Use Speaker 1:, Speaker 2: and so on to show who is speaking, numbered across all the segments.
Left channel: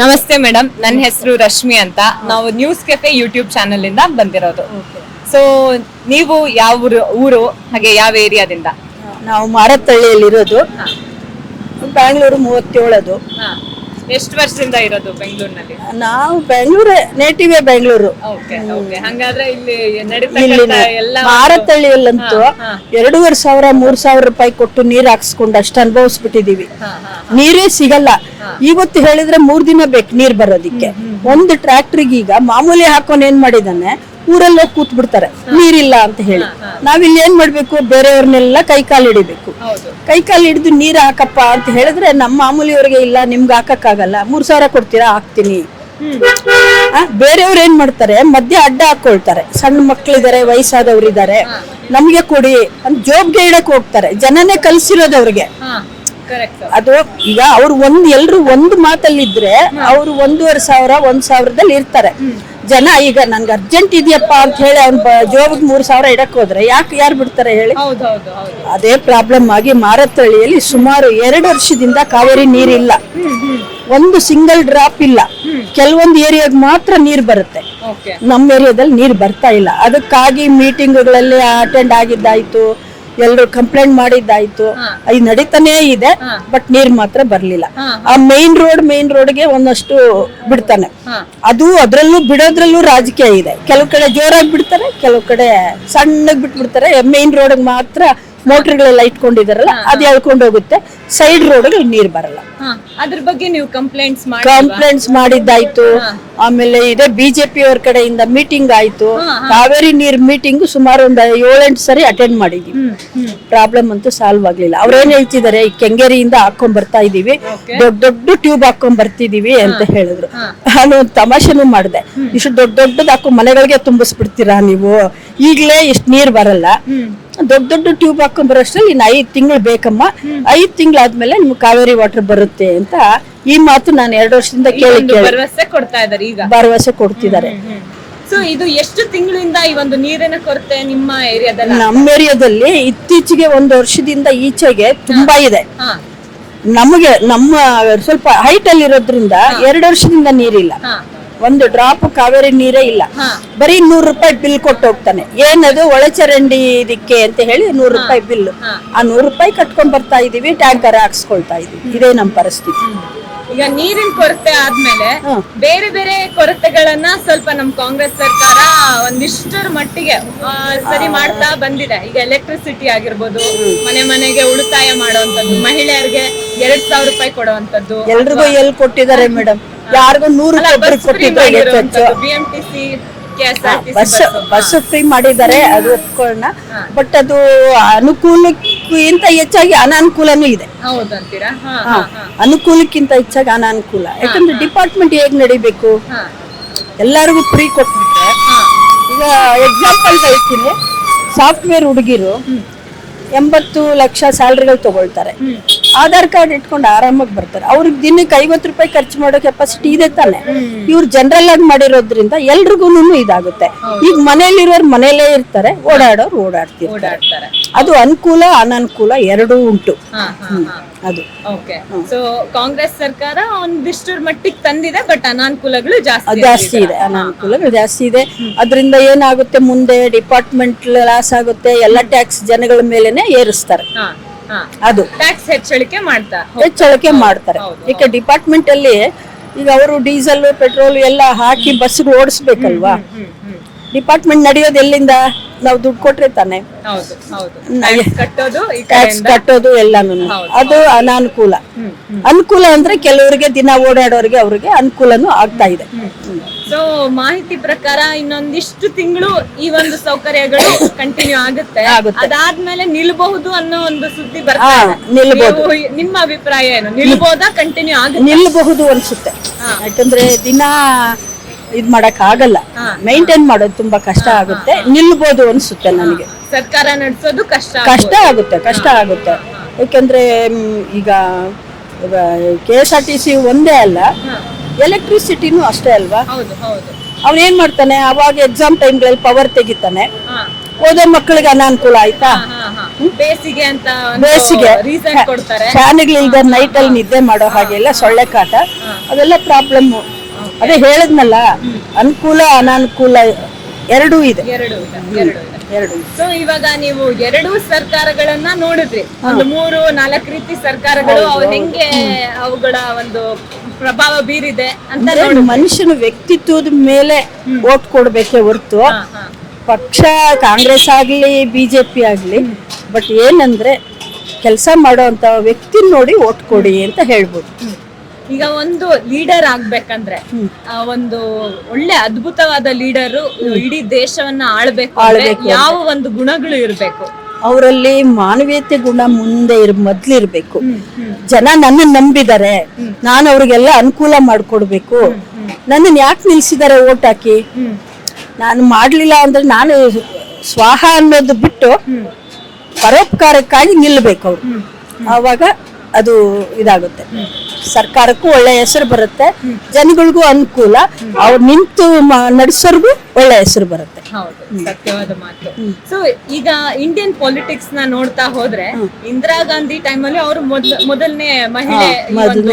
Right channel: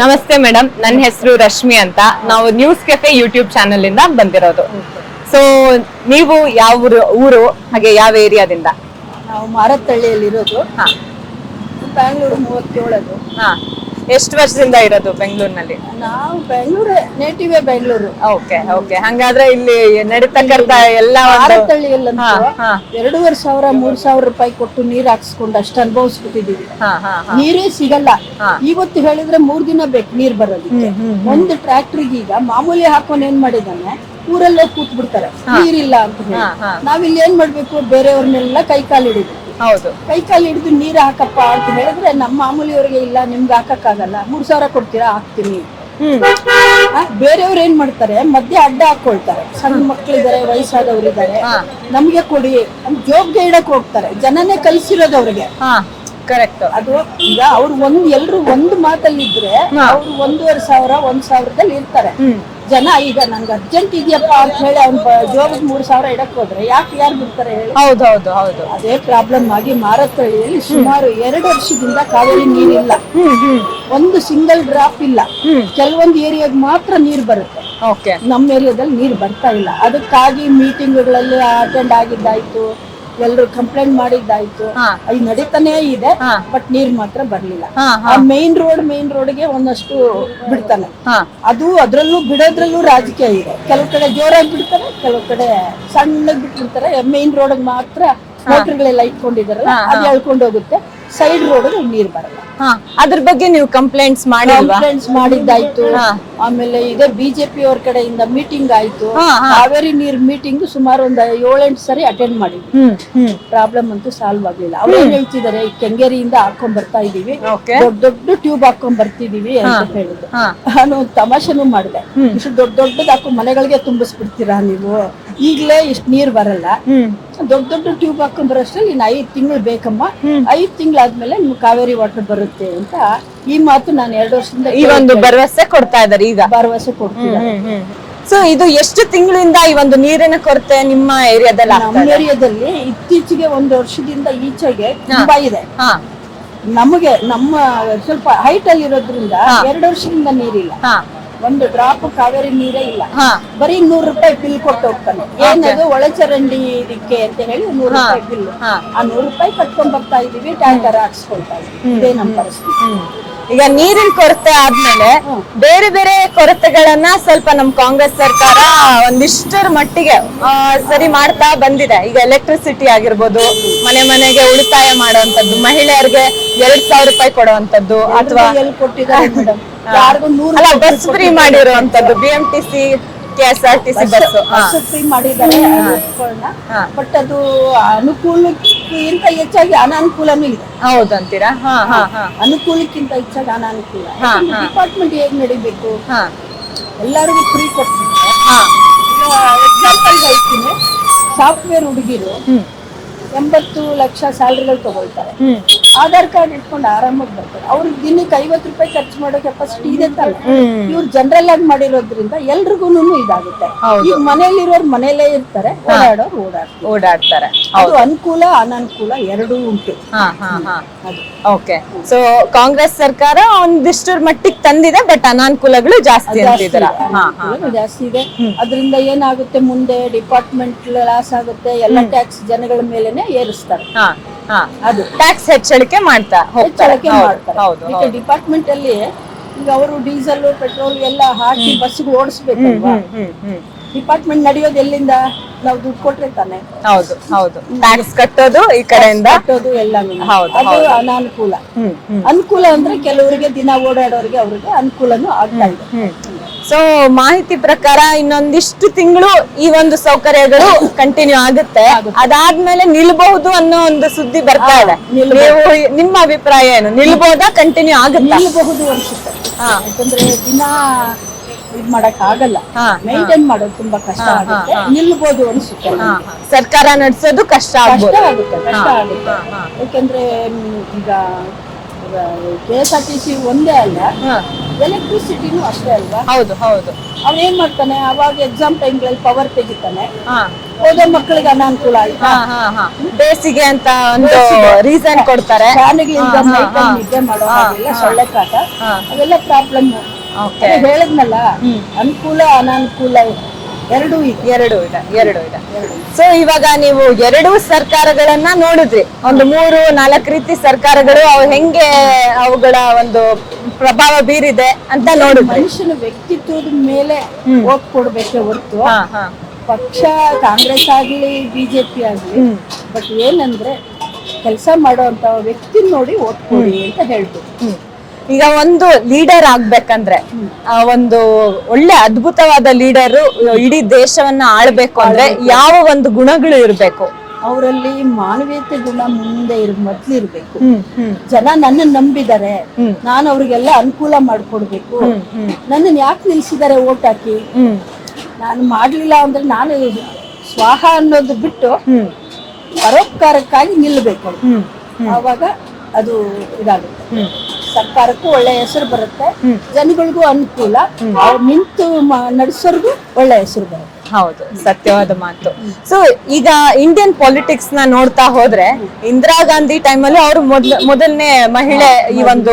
Speaker 1: ನಮಸ್ತೆ ಮೇಡಮ್ ನನ್ನ ಹೆಸರು ರಶ್ಮಿ ಅಂತ. ನಾವು ನ್ಯೂಸ್ ಕೆಫೆ ಯೂಟ್ಯೂಬ್ ಚಾನೆಲ್ ಇಂದ ಬಂದಿರೋದು. ಸೊ ನೀವು ಯಾವ ಊರು ಊರು ಹಾಗೆ ಯಾವ ಏರಿಯಾದಿಂದ
Speaker 2: ನಾವು ಮಾರತ್ತಳ್ಳಿಯಲ್ಲಿ
Speaker 1: ಇರೋದು
Speaker 2: ಬ್ಯಾಂಗ್ಳೂರು ಮೂವತ್ತೇಳದು.
Speaker 1: ಹಾ. ಎಷ್ಟು ವರ್ಷದಿಂದ ಇರೋದು ಬೆಂಗಳೂರಿನಲ್ಲಿ?
Speaker 2: ನಾವು Bengaluru native Bengaluru.
Speaker 1: Okay okay. ಹಂಗಾದ್ರೆ ಇಲ್ಲಿ ನಡೀತಕ್ಕಂತ ಎಲ್ಲ ಭಾರತಳ್ಳಿಯಲ್ಲಂತೂ.
Speaker 2: ಎರಡೂವರೆ ಸಾವಿರ ಮೂರ್ ಸಾವಿರ ರೂಪಾಯಿ ಕೊಟ್ಟು ನೀರ್ ಹಾಕ್ಸ್ಕೊಂಡು ಅಷ್ಟು ಅನುಭವಿಸ್ಬಿಟ್ಟಿದೀವಿ. ನೀರೇ ಸಿಗಲ್ಲ. ಇವತ್ತು ಹೇಳಿದ್ರೆ ಮೂರ್ ದಿನ ಬೇಕು ನೀರ್ ಬರೋದಿಕ್ಕೆ. ಒಂದು ಟ್ರ್ಯಾಕ್ಟರ್ಗೆ ಈಗ ಮಾಮೂಲಿ ಹಾಕೊಂಡು ಏನ್ ಮಾಡಿದಾನೆ ಊರಲ್ಲೇ ಕೂತ್ ಬಿಡ್ತಾರೆ ನೀರಿಲ್ಲ ಅಂತ ಹೇಳಿ. ನಾವಿಲ್ಲಿ ಏನ್ ಮಾಡ್ಬೇಕು? ಬೇರೆಯವ್ರನ್ನೆಲ್ಲ ಕೈ ಕಾಲು ಹಿಡಿಬೇಕು. ಕೈ ಕಾಲು ಹಿಡಿದು ನೀರ್ ಹಾಕಪ್ಪ ಅಂತ ಹೇಳಿದ್ರೆ ನಮ್ಮ ಮಾಮೂಲಿಯವ್ರಿಗೆ ಇಲ್ಲ ನಿಮ್ಗೆ ಹಾಕಕ್ಕಾಗಲ್ಲ. ಮೂರ್ ಸಾವಿರ ಕೊಡ್ತೀರಾ? ಹಾಕ್ತೀನಿ. ಬೇರೆಯವ್ರು ಏನ್ ಮಾಡ್ತಾರೆ? ಮಧ್ಯ ಅಡ್ಡ ಹಾಕೊಳ್ತಾರೆ. ಸಣ್ಣ ಮಕ್ಳಿದಾರೆ ವಯಸ್ಸಾದವ್ರು ಇದಾರೆ
Speaker 1: ಹಾ.
Speaker 2: ನಮ್ಗೆ ಕೊಡಿ ಅಂತ ಜೋಬ್ಗೆ ಇಡಕ್ ಹೋಗ್ತಾರೆ. ಜನನೇ ಕಲ್ಸಿರೋದು ಅವ್ರಿಗೆ. ಅದು ಈಗ ಅವ್ರು ಒಂದ್ ಎಲ್ರು ಒಂದು ಮಾತಲ್ಲಿದ್ರೆ ಅವ್ರು ಒಂದೂವರೆ ಸಾವಿರ ಒಂದ್ ಸಾವಿರದಲ್ಲಿ ಇರ್ತಾರೆ. ಜನ ಈಗ ನನ್ಗೆ ಅರ್ಜೆಂಟ್ ಇದೆಯಪ್ಪ ಅಂತ ಹೇಳಿ ಅವ್ನ ಜೋಬಿಗೆ ಮೂರ್ ಸಾವಿರ ಇಡಕ್ ಹೋದ್ರೆ ಯಾಕೆ ಯಾರು ಬಿಡ್ತಾರೆ ಹೇಳಿ?
Speaker 1: ಹೌದು ಹೌದು ಹೌದು.
Speaker 2: ಅದೇ ಪ್ರಾಬ್ಲಮ್ ಆಗಿ ಮಾರತ್ತಳ್ಳಿಯಲ್ಲಿ ಸುಮಾರು ಎರಡು ವರ್ಷದಿಂದ ಕಾವೇರಿ ನೀರಿಲ್ಲ. ಒಂದು ಸಿಂಗಲ್ ಡ್ರಾಪ್ ಇಲ್ಲ. ಕೆಲವೊಂದು ಏರಿಯಾಗ ಮಾತ್ರ ನೀರ್ ಬರುತ್ತೆ.
Speaker 1: ಓಕೆ
Speaker 2: ನಮ್ಮ ಏರಿಯಾದಲ್ಲಿ ನೀರ್ ಬರ್ತಾ ಇಲ್ಲ. ಅದಕ್ಕಾಗಿ ಮೀಟಿಂಗ್ಗಳಲ್ಲಿ ಅಟೆಂಡ್ ಆಗಿದ್ದಾಯ್ತು. ಎಲ್ರು ಕಂಪ್ಲೇಂಟ್ ಮಾಡಿದ್ದಾಯ್ತು. ಇದು ನಡೀತಾನೇ ಇದೆ ಬಟ್ ನೀರ್ ಮಾತ್ರ ಬರ್ಲಿಲ್ಲ. ಆ ಮೇನ್ ರೋಡ್ ಮೇನ್ ರೋಡ್ಗೆ ಒಂದಷ್ಟು ಬಿಡ್ತಾನೆ. ಅದು ಅದ್ರಲ್ಲೂ ಬಿಡೋದ್ರಲ್ಲೂ ರಾಜಕೀಯ ಇದೆ. ಕೆಲವು ಕಡೆ ಜೋರಾಗಿ ಬಿಡ್ತಾರೆ ಕೆಲವು ಕಡೆ ಸಣ್ಣಗ್ ಬಿಟ್ಬಿಡ್ತಾರೆ. ಮೇನ್ ರೋಡ್ ಮಾತ್ರ ಮೋಟರ್ಗಳೆಲ್ಲ ಇಟ್ಕೊಂಡಿದಾರಲ್ಲ ಅದು ಎಳ್ಕೊಂಡು ಹೋಗುತ್ತೆ ಸೈಡ್ ರೋಡ್ ನೀರ್ ಬರಲ್ಲ.
Speaker 1: ಅದ್ರ ಬಗ್ಗೆ ನೀವು ಕಂಪ್ಲೇಂಟ್ಸ್ ಮಾಡಿ
Speaker 2: ಕಂಪ್ಲೇಂಟ್ಸ್ ಮಾಡಿದ್ದಾಯ್ತು. ಆಮೇಲೆ ಇದೇ ಬಿಜೆಪಿ ಅವ್ರ ಕಡೆಯಿಂದ ಮೀಟಿಂಗ್ ಆಯ್ತು. ಕಾವೇರಿ ನೀರ್ ಮೀಟಿಂಗ್ ಸುಮಾರು ಒಂದ್ ಏಳೆಂಟು ಸರಿ ಅಟೆಂಡ್ ಮಾಡಿದ್ವಿ. ಪ್ರಾಬ್ಲಮ್ ಅಂತೂ ಸಾಲ್ವ್ ಆಗ್ಲಿಲ್ಲ. ಅವ್ರೇನ್ ಹೇಳ್ತಿದಾರೆ ಈ ಕೆಂಗೇರಿಯಿಂದ ಹಾಕೊಂಡ್ ಬರ್ತಾ ಇದೀವಿ. ದೊಡ್ಡ ದೊಡ್ಡ ಟ್ಯೂಬ್ ಹಾಕೊಂಡ್ ಬರ್ತಿದೀವಿ ಅಂತ ಹೇಳಿದ್ರು. ನಾನು ಒಂದ್ ತಮಾಷೆನೂ ಮಾಡಿದೆ. ಇಷ್ಟು ದೊಡ್ಡ ದೊಡ್ಡದ್ ಹಾಕೊಂಡ್ ಮನೆಗಳಿಗೆ ತುಂಬಿಸ್ಬಿಡ್ತೀರಾ ನೀವು? ಈಗ್ಲೇ ಇಷ್ಟ್ ನೀರ್ ಬರಲ್ಲ. ದೊಡ್ಡ ದೊಡ್ಡ ಟ್ಯೂಬ್ ಹಾಕೊಂಡ್ ಬರೋಷ್ಟ್ರಲ್ಲಿ ಇನ್ನು ಐದ್ ತಿಂಗಳು ಬೇಕಮ್ಮ. ಐದ್ ತಿಂಗಳಾದ್ಮೇಲೆ ನಿಮ್ಗೆ ಕಾವೇರಿ ವಾಟರ್ ಬರುತ್ತೆ ಅಂತ ಈ ಮಾತು ನಾನು ಎರಡು ವರ್ಷದಿಂದ
Speaker 1: ಈ ಒಂದು
Speaker 2: ಕೇಳಿ
Speaker 1: ಭರವಸೆ ಕೊಡ್ತಾ ಇದ್ದಾರೆ ಈಗ.
Speaker 2: ಭರವಸೆ ಕೊಡ್ತಿದ್ದಾರೆ.
Speaker 1: ಸೊ ಇದು ಎಷ್ಟು ತಿಂಗಳಿಂದ ಈ ಒಂದು ನೀರಿನ ಕೊರತೆ ನಿಮ್ಮ ಏರಿಯಾದಲ್ಲಿ
Speaker 2: ನಮ್ಮ ಏರಿಯಾದಲ್ಲಿ ಇತ್ತೀಚೆಗೆ ಒಂದು ವರ್ಷದಿಂದ ಈಚೆಗೆ ತುಂಬಾ ಇದೆ.
Speaker 1: ಹಾ.
Speaker 2: ನಮಗೆ ನಮ್ಮ ಸ್ವಲ್ಪ ಹೈಟ್ ಅಲ್ಲಿ ಇರೋದ್ರಿಂದ ಎರಡು ವರ್ಷದಿಂದ ನೀರಿಲ್ಲ.
Speaker 1: ಹಾ.
Speaker 2: ಒಂದು ಡ್ರಾಪ್ ಕಾವೇರಿ ನೀರೇ ಇಲ್ಲ. ಬರೀ ನೂರು ರೂಪಾಯಿ ಬಿಲ್ ಕೊಟ್ಟು ಹೋಗ್ತಾನೆ. ಏನದು ಒಳಚರಂಡಿ ಇದಕ್ಕೆ ಅಂತ ಹೇಳಿ ನೂರು ರೂಪಾಯಿ ಬಿಲ್ ಆ ನೂರು ರೂಪಾಯಿ ಕಟ್ಕೊಂಡ್ ಬರ್ತಾ ಇದೀವಿ ಟ್ಯಾಂಕರ್ ಹಾಕ್ಸ್ಕೊಳ್ತಾ ಇದೀವಿ. ಇದೇ ನಮ್ಮ ಪರಿಸ್ಥಿತಿ.
Speaker 1: ಈಗ ನೀರಿನ ಕೊರತೆ ಆದ್ಮೇಲೆ ಬೇರೆ ಬೇರೆ ಕೊರತೆಗಳನ್ನ ಸ್ವಲ್ಪ ನಮ್ ಕಾಂಗ್ರೆಸ್ ಸರ್ಕಾರ ಒಂದಿಷ್ಟರ ಮಟ್ಟಿಗೆ ಸರಿ ಮಾಡ್ತಾ ಬಂದಿದೆ. ಈಗ ಎಲೆಕ್ಟ್ರಿಸಿಟಿ ಆಗಿರ್ಬೋದು ಮನೆ ಮನೆಗೆ ಉಳಿತಾಯ ಮಾಡುವಂತದ್ದು ಮಹಿಳೆಯರಿಗೆ ಎರಡ್ ಸಾವಿರ ರೂಪಾಯಿ ಕೊಡುವಂತದ್ದು
Speaker 2: ಎಲ್ಲಿ ಕೊಟ್ಟಿದ್ದಾರೆ ಮೇಡಮ್ ಯಾರಿಗೂ ನೂರು ರೂಪಾಯಿ
Speaker 1: ಫ್ರೀ ಮಾಡಿರುವಂತದ್ದು B M T C bus
Speaker 2: free ಮಾಡಿದ್ದಾರೆ ಬಟ್ ಅದು ಅನುಕೂಲಕ್ಕಿಂತ ಹೆಚ್ಚಾಗಿ ಅನಾನುಕೂಲನೂ ಇದೆ.
Speaker 1: ಹೌದಂತೀರಾ?
Speaker 2: ಅನುಕೂಲಕ್ಕಿಂತ ಹೆಚ್ಚಾಗಿ ಅನಾನುಕೂಲ. ಯಾಕಂದ್ರೆ ಡಿಪಾರ್ಟ್ಮೆಂಟ್ ಹೇಗ್ ನಡಿಬೇಕು? ಎಲ್ಲರಿಗೂ ಫ್ರೀ ಕೊಟ್ಬಿಟ್ರೆ ಈಗ ಎಕ್ಸಾಂಪಲ್ ಹೇಳ್ತೀನಿ. ಸಾಫ್ಟ್ವೇರ್ ಹುಡುಗಿರು ಎಂಬತ್ತು ಲಕ್ಷ ಸ್ಯಾಲ್ರಿಗಳು ತಗೊಳ್ತಾರೆ. ಆಧಾರ್ ಕಾರ್ಡ್ ಇಟ್ಕೊಂಡು ಆರಾಮಾಗಿ ಬರ್ತಾರೆ. ಅವ್ರಿಗೆ ದಿನಕ್ಕೆ ಐವತ್ತು ರೂಪಾಯಿ ಖರ್ಚು ಮಾಡೋ ಕೆಪಾಸಿಟಿ ಇದೆ ತಾನೆ. ಇವ್ರು ಜನರಲ್ ಆಗಿ ಮಾಡಿರೋದ್ರಿಂದ ಎಲ್ರಿಗೂ ಇದಾಗುತ್ತೆ. ಈಗ ಮನೆಯಲ್ಲಿರೋರು ಮನೆಯಲ್ಲೇ ಇರ್ತಾರೆ ಓಡಾಡೋರು ಓಡಾಡ್ತಾರೆ
Speaker 1: ಓಡಾಡ್ತಾರೆ.
Speaker 2: ಅದು ಅನುಕೂಲ ಅನಾನುಕೂಲ ಎರಡೂ ಉಂಟು. ಅದು.
Speaker 1: ಓಕೆ ಸೊ ಕಾಂಗ್ರೆಸ್ ಸರ್ಕಾರ ಒಂದಿಷ್ಟರ ಮಟ್ಟಿಗೆ ತಂದಿದೆ ಬಟ್ ಅನಾನುಕೂಲಗಳು ಜಾಸ್ತಿ
Speaker 2: ಜಾಸ್ತಿ ಇದೆ. ಅನಾನುಕೂಲಗಳು ಜಾಸ್ತಿ ಇದೆ. ಅದರಿಂದ ಏನಾಗುತ್ತೆ ಮುಂದೆ ಡಿಪಾರ್ಟ್ಮೆಂಟ್ ಲಾಸ್ ಆಗುತ್ತೆ ಎಲ್ಲ ಟ್ಯಾಕ್ಸ್ ಜನಗಳ ಮೇಲೆನೆ ಏರಿಸ್ತಾರೆ. ಅದು.
Speaker 1: ಟ್ಯಾಕ್ಸ್ ಹೆಚ್ಚಳಿಕೆ ಮಾಡ್ತಾ
Speaker 2: ಹೆಚ್ಚಳಿಕೆ ಮಾಡ್ತಾರೆ. ಈಗ ಡಿಪಾರ್ಟ್ಮೆಂಟ್ ಅಲ್ಲಿ ಈಗ ಅವರು ಡೀಸೆಲ್ ಪೆಟ್ರೋಲ್ ಎಲ್ಲ ಹಾಕಿ ಬಸ್ ಓಡಿಸ್ಬೇಕಲ್ವಾ? ಡಿಪಾರ್ಟ್ಮೆಂಟ್ ನಡೆಯೋದು ಎಲ್ಲಿಂದ? ನಾವು ದುಡ್ಡು ಕೊಟ್ರೆ ತಾನೆ.
Speaker 1: ಹೌದು ಹೌದು. ಕಟ್ಟೋದು
Speaker 2: ಕಟ್ಟೋದು ಎಲ್ಲಾನು. ಅದು ಅನಾನುಕೂಲ. ಅನುಕೂಲ ಅಂದ್ರೆ ಕೆಲವರಿಗೆ ದಿನ ಓಡಾಡೋರಿಗೆ ಅವ್ರಿಗೆ ಅನುಕೂಲನೂ ಆಗ್ತಾ ಇದೆ.
Speaker 1: ಸೊ ಮಾಹಿತಿ ಪ್ರಕಾರ ಇನ್ನೊಂದಿಷ್ಟು ತಿಂಗಳು ಈ ಒಂದು ಸೌಕರ್ಯಗಳು ಕಂಟಿನ್ಯೂ ಆಗುತ್ತೆ. ಅದಾದ್ಮೇಲೆ ನಿಲ್ಬಹುದು ಅನ್ನೋ ಒಂದು ಸುದ್ದಿ ಬರ್ತಾ ಇದೆ. ನೀವು- ನಿಮ್ಮ ಅಭಿಪ್ರಾಯ ಏನು? ನಿಲ್ಬಹುದಾ ಕಂಟಿನ್ಯೂ ಆಗುತ್ತೆ?
Speaker 2: ನಿಲ್ಬಹುದು ಅನ್ಸುತ್ತೆ. ಯಾಕಂದ್ರೆ ದಿನ ಇದ್ ಮಾಡಕ್ ಆಗಲ್ಲ. ಮೈಂಟೈನ್ ಮಾಡೋದು ತುಂಬಾ ಕಷ್ಟ ಆಗುತ್ತೆ. ನಿಲ್ಬೋದು ಅನ್ಸುತ್ತೆ ನನಗೆ
Speaker 1: ಸರ್ಕಾರ ನಡೆಸೋದು ಕಷ್ಟ
Speaker 2: ಕಷ್ಟ ಆಗುತ್ತೆ ಕಷ್ಟ ಆಗುತ್ತೆ. ಯಾಕಂದ್ರೆ ಮ್, ಈಗ K S R T C ಒಂದೇ ಅಲ್ಲ. ಎಲೆಕ್ಟ್ರಿಸಿಟಿನೂ ಅಷ್ಟೇ ಅಲ್ವಾ?
Speaker 1: ಹೌದು ಹೌದು.
Speaker 2: ಅವ್ನು ಏನ್ ಮಾಡ್ತಾನೆ? ಅವಾಗ ಎಕ್ಸಾಮ್ ಟೈಮ್ಗಳಲ್ಲಿ ಪವರ್ ತೆಗಿತಾನೆ. ಓದೋ ಮಕ್ಕಳಿಗೆ ಅನಾನುಕೂಲ ಆಯ್ತಾ.
Speaker 1: ಬೇಸಿಗೆ ಅಂತ
Speaker 2: ಬೇಸಿಗೆ.
Speaker 1: ರೀಸನ್ ಕೊಡ್ತಾರೆ.
Speaker 2: ಫ್ಯಾನ್ಗಳು ಈಗ ನೈಟ್ ಅಲ್ಲಿ ನಿದ್ದೆ ಮಾಡೋ ಹಾಗೆಲ್ಲ ಸೊಳ್ಳೆ ಕಾಟ. ಅದೆಲ್ಲ ಪ್ರಾಬ್ಲಮ್ ಅದೇ ಹೇಳದ್ನಲ್ಲ ಅನುಕೂಲ ಅನಾನುಕೂಲ ಎರಡೂ ಇದೆ.
Speaker 1: ಎರಡು ಇದೆ ಎರಡು ಇದೆ. ಎರಡು ಸೊ ಇವಾಗ ನೀವು ಎರಡು ಸರ್ಕಾರಗಳನ್ನ ನೋಡಿದ್ರಿ. ಒಂದು ಮೂರು ನಾಲ್ಕು ರೀತಿ ಸರ್ಕಾರಗಳು ಹೆಂಗೆ ಅವುಗಳ ಒಂದು ಪ್ರಭಾವ ಬೀರಿದೆ ಅಂತ
Speaker 2: ನೋಡು ಮನುಷ್ಯನ ವ್ಯಕ್ತಿತ್ವದ ಮೇಲೆ ಓಟ್ ಕೊಡ್ಬೇಕೆ ಹೊರ್ತು. ಪಕ್ಷ ಕಾಂಗ್ರೆಸ್ ಆಗ್ಲಿ ಬಿಜೆಪಿ ಆಗ್ಲಿ ಬಟ್ ಏನಂದ್ರೆ ಕೆಲಸ ಮಾಡುವಂತ ವ್ಯಕ್ತಿ ನೋಡಿ ಓಟ್ ಕೊಡಿ ಅಂತ ಹೇಳ್ಬೋದು.
Speaker 1: ಈಗ ಒಂದು ಲೀಡರ್ ಆಗ್ಬೇಕಂದ್ರೆ ಆ ಒಂದು ಒಳ್ಳೆ ಅದ್ಭುತವಾದ ಲೀಡರ್ ಇಡೀ ದೇಶವನ್ನ ಆಳ್ಬೇಕು ಅಂದ್ರೆ ಯಾವ ಒಂದು ಗುಣಗಳು ಇರ್ಬೇಕು?
Speaker 2: ಅವರಲ್ಲಿ ಮಾನವೀಯತೆ ಗುಣ ಮುಂದೆ ಇರ್ ಮೊದ್ಲಿರ್ಬೇಕು ಜನ ನನ್ನ ನಂಬಿದ್ದಾರೆ ನಾನು ಅವ್ರಿಗೆಲ್ಲ ಅನುಕೂಲ ಮಾಡ್ಕೊಡ್ಬೇಕು. ನನ್ನನ್ನು ಯಾಕೆ ನಿಲ್ಸಿದ್ದಾರೆ ಓಟ್ ಹಾಕಿ? ನಾನು ಮಾಡ್ಲಿಲ್ಲ ಅಂದ್ರೆ ನಾನು ಸ್ವಾಹ ಅನ್ನೋದು ಬಿಟ್ಟು ಪರೋಪಕಾರಕ್ಕಾಗಿ ನಿಲ್ಬೇಕು ಅವ್ರು. ಆವಾಗ ಅದು ಇದಾಗುತ್ತೆ. ಸರ್ಕಾರಕ್ಕೂ ಒಳ್ಳೆ ಹೆಸರು ಬರುತ್ತೆ. ಜನಗಳಿಗೂ ಅನುಕೂಲ. ಅವ್ರು ನಿಂತು ನಡೆಸೋರ್ಗೂ ಒಳ್ಳೆ ಹೆಸರು ಬರುತ್ತೆ.
Speaker 1: ಹೌದು ಸತ್ಯವಾದ ಮಾತು. ಸೊ ಈಗ ಇಂಡಿಯನ್ ಪಾಲಿಟಿಕ್ಸ್ನ ನೋಡ್ತಾ ಹೋದ್ರೆ ಇಂದಿರಾ ಗಾಂಧಿ ಅಲ್ಲಿ ಅವರು ಮೊದ್ಲ ಮೊದಲನೇ ಮಹಿಳೆ ಒಂದು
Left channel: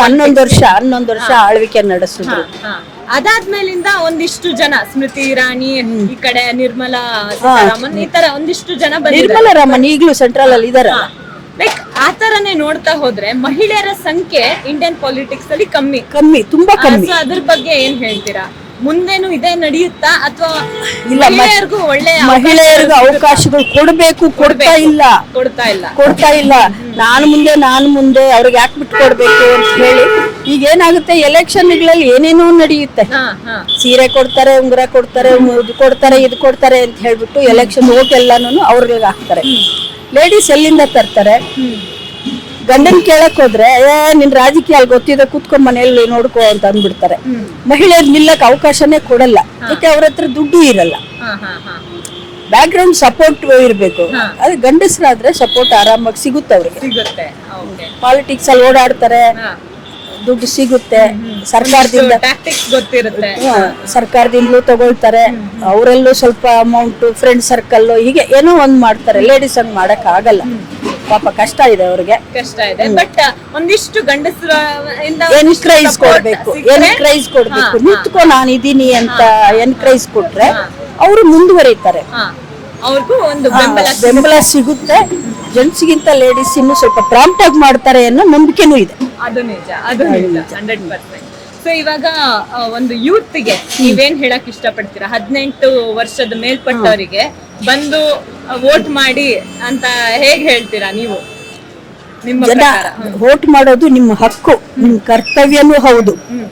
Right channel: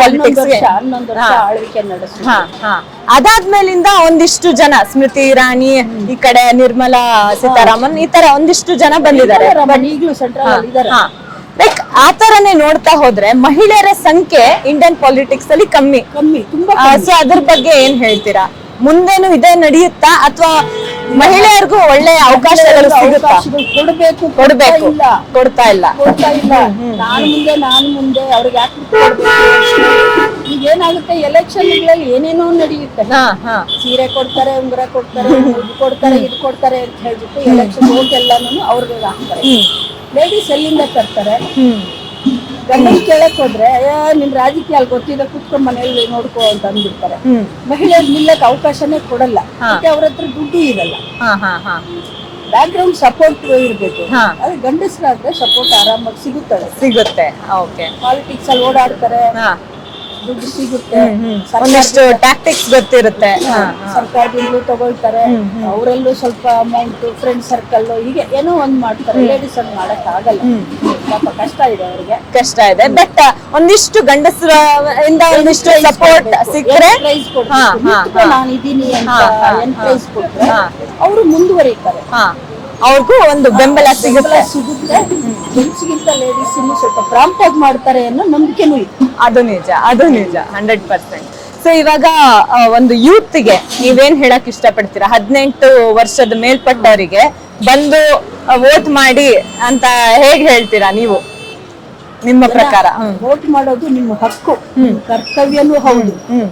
Speaker 2: ಹನ್ನೊಂದು ವರ್ಷ ಹನ್ನೊಂದು ವರ್ಷ ಆಳ್ವಿಕೆ ನಡೆಸಿದ್ರು.
Speaker 1: ಹಾ. ಅದಾದ್ಮೇಲಿಂದ ಒಂದಿಷ್ಟು ಜನ ಸ್ಮೃತಿ ಇರಾನಿ ಈ ಕಡೆ ನಿರ್ಮಲಾ ಸೀತಾರಾಮನ್ ಈ ತರ ಒಂದಿಷ್ಟು ಜನ ಬಂದಿದ್ದಾರೆ.
Speaker 2: ಈಗಲೂ ಸೆಂಟ್ರಲ್ ಅಲ್ಲಿ ಇದಾರೆ.
Speaker 1: ಲೈಕ್ ಆ ತರನೇ ನೋಡ್ತಾ ಹೋದ್ರೆ ಮಹಿಳೆಯರ ಸಂಖ್ಯೆ ಇಂಡಿಯನ್ ಪಾಲಿಟಿಕ್ಸ್ ಅಲ್ಲಿ ಕಮ್ಮಿ.
Speaker 2: ಕಮ್ಮಿ ತುಂಬಾ
Speaker 1: ಕಮ್ಮಿ. ಅದ್ರ ಬಗ್ಗೆ ಏನ್ ಹೇಳ್ತೀರಾ? ಮುಂದೇನು ಇದೇ ನಡೆಯುತ್ತಾ? ಅಥವಾ ಮಹಿಳೆಯರಿಗೂ ಒಳ್ಳೆ
Speaker 2: ಅವಕಾಶಗಳು ಕೊಡಬೇಕು ಕೊಡ್ತಾ ಇಲ್ಲ.
Speaker 1: ಕೊಡ್ತಾ ಇಲ್ಲ.
Speaker 2: ಕೊಡ್ತಾ ಇಲ್ಲ. ನಾನು ಮುಂದೆ ನಾನು ಮುಂದೆ ಅವ್ರಿಗೆ ಯಾಕೆ ಬಿಟ್ಟು ಕೊಡ್ಬೇಕು ಅಂತ ಹೇಳಿ ಈಗ ಏನಾಗುತ್ತೆ ಎಲೆಕ್ಷನ್ಗಳಲ್ಲಿ ಏನೇನೋ ನಡೆಯುತ್ತೆ. ಸೀರೆ ಕೊಡ್ತಾರೆ ಉಂಗುರ ಕೊಡ್ತಾರೆ ಇದು ಕೊಡ್ತಾರೆ ಇದು ಕೊಡ್ತಾರೆ ಅಂತ ಹೇಳ್ಬಿಟ್ಟು ಎಲೆಕ್ಷನ್ ಓಟ್ ಎಲ್ಲಾನು ಅವ್ರಿಗೆ ಹಾಕ್ತಾರೆ. ಲೇಡೀಸ್ ಎಲ್ಲಿಂದ ತರ್ತಾರೆ? ಗಂಡನ್ ಕೇಳಕ್ ಹೋದ್ರೆ ಏ ನಿನ್ ರಾಜಕೀಯ ಅಲ್ಲಿ ಗೊತ್ತಿದೆ ಕುತ್ಕೊಂಡ್ ಮನೆಯಲ್ಲಿ ನೋಡ್ಕೋ ಅಂತ ಅಂದ್ಬಿಡ್ತಾರೆ. ಮಹಿಳೆಯರು ನಿಲ್ಲಕ್ ಅವಕಾಶನೇ ಕೊಡಲ್ಲ. ಮತ್ತೆ ಅವ್ರ ಹತ್ರ ದುಡ್ಡು ಇರಲ್ಲ. ಬ್ಯಾಕ್ ಗ್ರೌಂಡ್ ಸಪೋರ್ಟ್ ಇರ್ಬೇಕು. ಅದೇ ಗಂಡಸರಾದ್ರೆ ಸಪೋರ್ಟ್ ಆರಾಮಾಗಿ ಸಿಗುತ್ತದೆ
Speaker 1: ಸಿಗುತ್ತೆ.
Speaker 2: ಪಾಲಿಟಿಕ್ಸ್ ಅಲ್ಲಿ ಓಡಾಡ್ತಾರೆ. ದುಡ್ಡು ಸಿಗುತ್ತೆ. ಸರ್ಕಾರದಿಂದ
Speaker 1: ಟ್ಯಾಕ್ಟಿಕ್ಸ್ ಗೊತ್ತಿರುತ್ತೆ.
Speaker 2: ಸರ್ಕಾರದಿಂದಲೂ ತಗೊಳ್ತಾರೆ. ಅವರಲ್ಲೂ ಸ್ವಲ್ಪ ಅಮೌಂಟ್ ಫ್ರೆಂಡ್ ಸರ್ಕಲ್ ಹೀಗೆ ಏನೋ ಒಂದ್ ಮಾಡ್ತಾರೆ. ಲೇಡೀಸ್ ಹಂಗ್ ಮಾಡಕ್ ಆಗಲ್ಲ. ಪಾಪ ಕಷ್ಟ ಇದೆ ಅವ್ರಿಗೆ.
Speaker 1: ಕಷ್ಟ ಇದೆ. ಬಟ್ ಒಂದಿಷ್ಟು ಗಂಡಸರ
Speaker 2: ಎನ್ಕರೇಜ್ ಕೊಡ್ಬೇಕು. ನಾನು ಇದೀನಿ ಅಂತ ಎನ್ಕರೇಜ್ ಕೊಟ್ರೆ ಅವರು ಮುಂದುವರಿತಾರೆ.
Speaker 1: ಅವ್ರಿಗೂ ಒಂದು ಬೆಂಬಲ
Speaker 2: ಬೆಂಬಲ ಸಿಗುತ್ತೆ. ಜೆಂಟ್ಸ್ಗಿಂತ ಲೇಡೀಸ್ ಇನ್ನು ಸ್ವಲ್ಪ ಪ್ರಾಂಪ್ಟ್ ಆಗಿ ಮಾಡ್ತಾರೆ ಅನ್ನೋ ನಂಬಿಕೆನೂ ಇದೆ.
Speaker 1: ಅದು ನಿಜ ಅದು ನಿಜ. Hundred percent. ಸೊ ಇವಾಗ ಆ, ಒಂದು ಯೂತ್ಗೆ ನೀವೇನ್ ಹೇಳಕ್ ಇಷ್ಟಪಡ್ತೀರಾ? ಹದಿನೆಂಟು ವರ್ಷದ ಮೇಲ್ಪಟ್ಟವರಿಗೆ ಬಂದು ವೋಟ್ ಮಾಡಿ ಅಂತ ಹೇಗ್ ಹೇಳ್ತೀರಾ ನೀವು? ನಿಮ್ಮ ಪ್ರಕಾರ.
Speaker 2: ವೋಟ್ ಮಾಡೋದು ನಿಮ್ಮ ಹಕ್ಕು ನಿಮ್ಮ ಕರ್ತವ್ಯನೂ ಹೌದು.
Speaker 1: ಹ್ಮ್.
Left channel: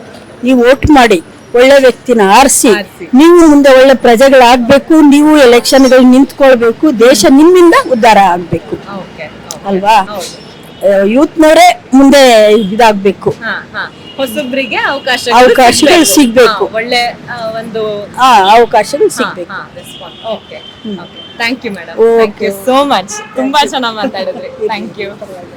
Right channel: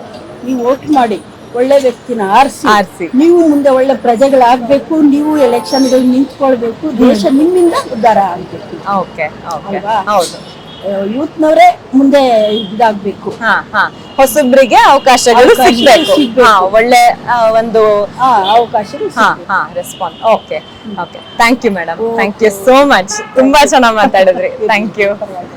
Speaker 2: ನೀವು ವೋಟ್ ಮಾಡಿ. ಒಳ್ಳೆ ವ್ಯಕ್ತಿನ ಆರಿಸಿ. ನೀವು ಮುಂದೆ ಒಳ್ಳೆ ಪ್ರಜೆಗಳಾಗ್ಬೇಕು ನೀವು ಎಲೆಕ್ಷನ್ಗಳು ನಿಂತ್ಕೊಳ್ಬೇಕು ದೇಶ ನಿಮ್ಮಿಂದ ಉದ್ಧಾರ ಆಗ್ಬೇಕು.
Speaker 1: ಓಕೆ
Speaker 2: ಅಲ್ವಾ?
Speaker 1: ಯೂತ್
Speaker 2: ಯೂತ್ನವರೇ ಮುಂದೆ ಇದಾಗ್ಬೇಕು.
Speaker 1: ಹಾ ಹಾ. ಹೊಸಬ್ರಿಗೆ ಅವಕಾಶ
Speaker 2: ಸಿಗ್ಬೇಕು.
Speaker 1: ಒಳ್ಳೆ ಒಂದು
Speaker 2: ಅವಕಾಶ ಅವಕಾಶಗಳು
Speaker 1: response okay okay. Thank you madam thank you so much ತುಂಬಾ ಚೆನ್ನಾಗಿ ಮಾತಾಡಿದ್ರಿ. Thank you